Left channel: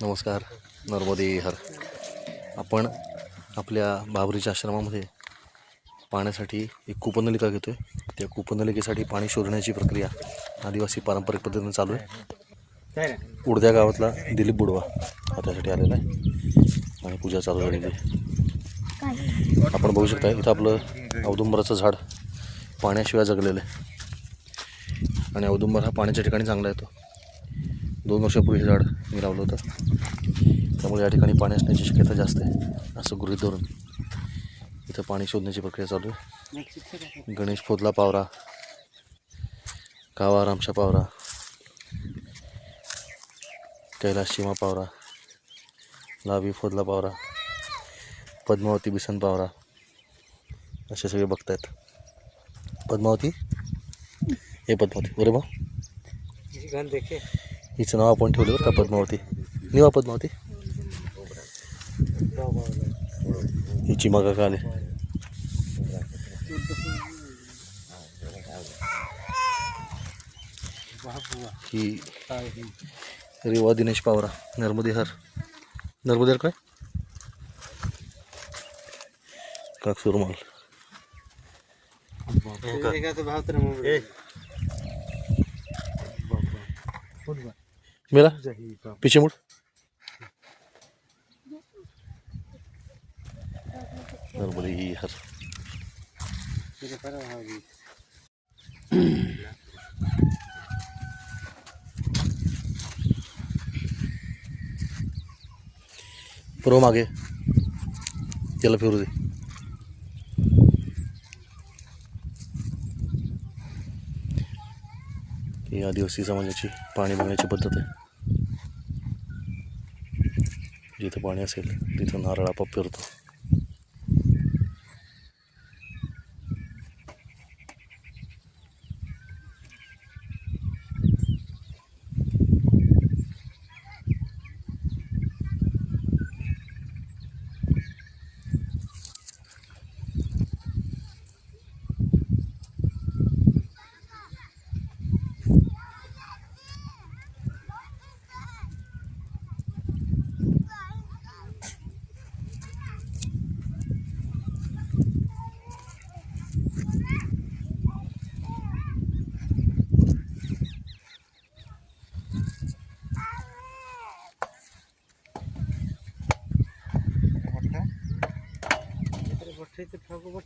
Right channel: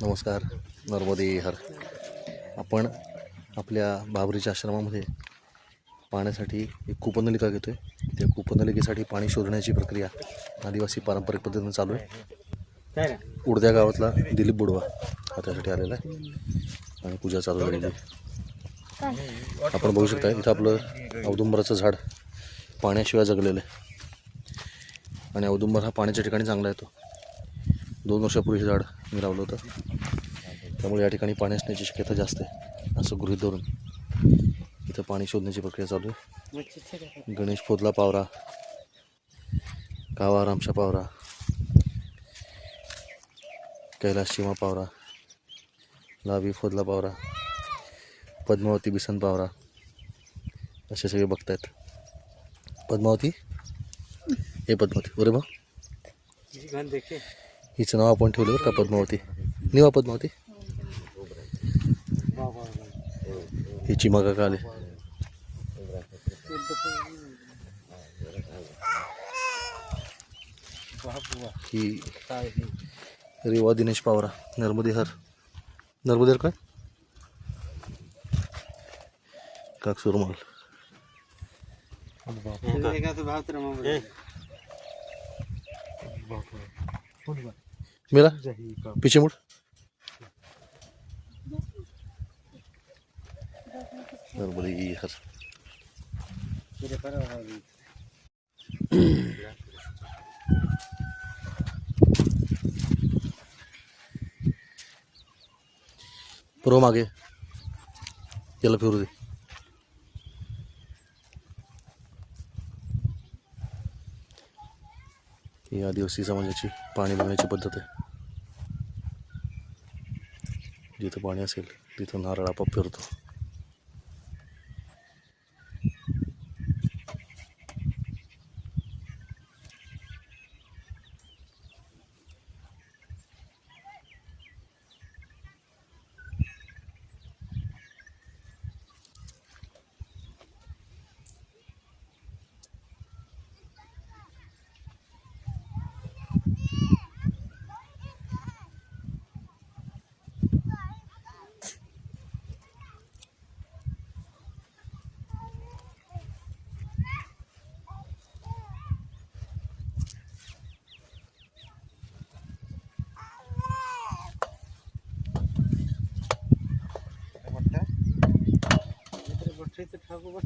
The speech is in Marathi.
नमस्कार. नर्मदे हर. आपण आपल्या बाबरीच्या आश्रमामध्ये पाण्यासाठी एक कूपनलिका घेतो आहे. त्या कूपनलिकेसाठी पाणी शोधण्याची प्रक्रिया आदिवासी पारंपरिक पद्धतीने चालू आहे. उडद्या गावातला दिलीप बुडवा हा त्यासाठी आलेला आहे आणि पूजा चालू झालेली आहे. आपण बघू शकता इथं आपलं औदुंबराचं झाड पाण्याशिवाय जगलेलं आहे आणि औदुंबर हा पाण्याच्या ठिकाणी चांगला येतो. 2 वर्षापूर्वी हे झाड मी लावलं होतं, त्यामुळे या ठिकाणी पाणी असण्याची शक्यता जास्त आहे असं गृहीत धरून इथं पाणी शोधण्याची प्रक्रिया चालू आहे. गणेश फोदला पावरा, कावा रामशा पावरा, कैलास चिमा पावरा, लावी फोदला पावरा, पद्मावती बिसन पावरा असे सगळे बघतायत. पद्मावती हे पद्मावती अरे बा हिचं नाव आपण ठेवलं बरं का, पद्मावती. निवा पद्मावती ही चिमा काका आले. ही रेवा दिनेश पावरा, नर्मदेहर. नर्मदेहर काय काक सुरमाल. मेरा पीछे मुड़. नर्मदेहर. पुरो मागे याला फिरू दे. ही आदिवासी समाजाची पाणी बघण्याची पद्धत आहे. जिथं पाणी असेल तिथं नारळ आपोआप फिरतो. ठाकू बठ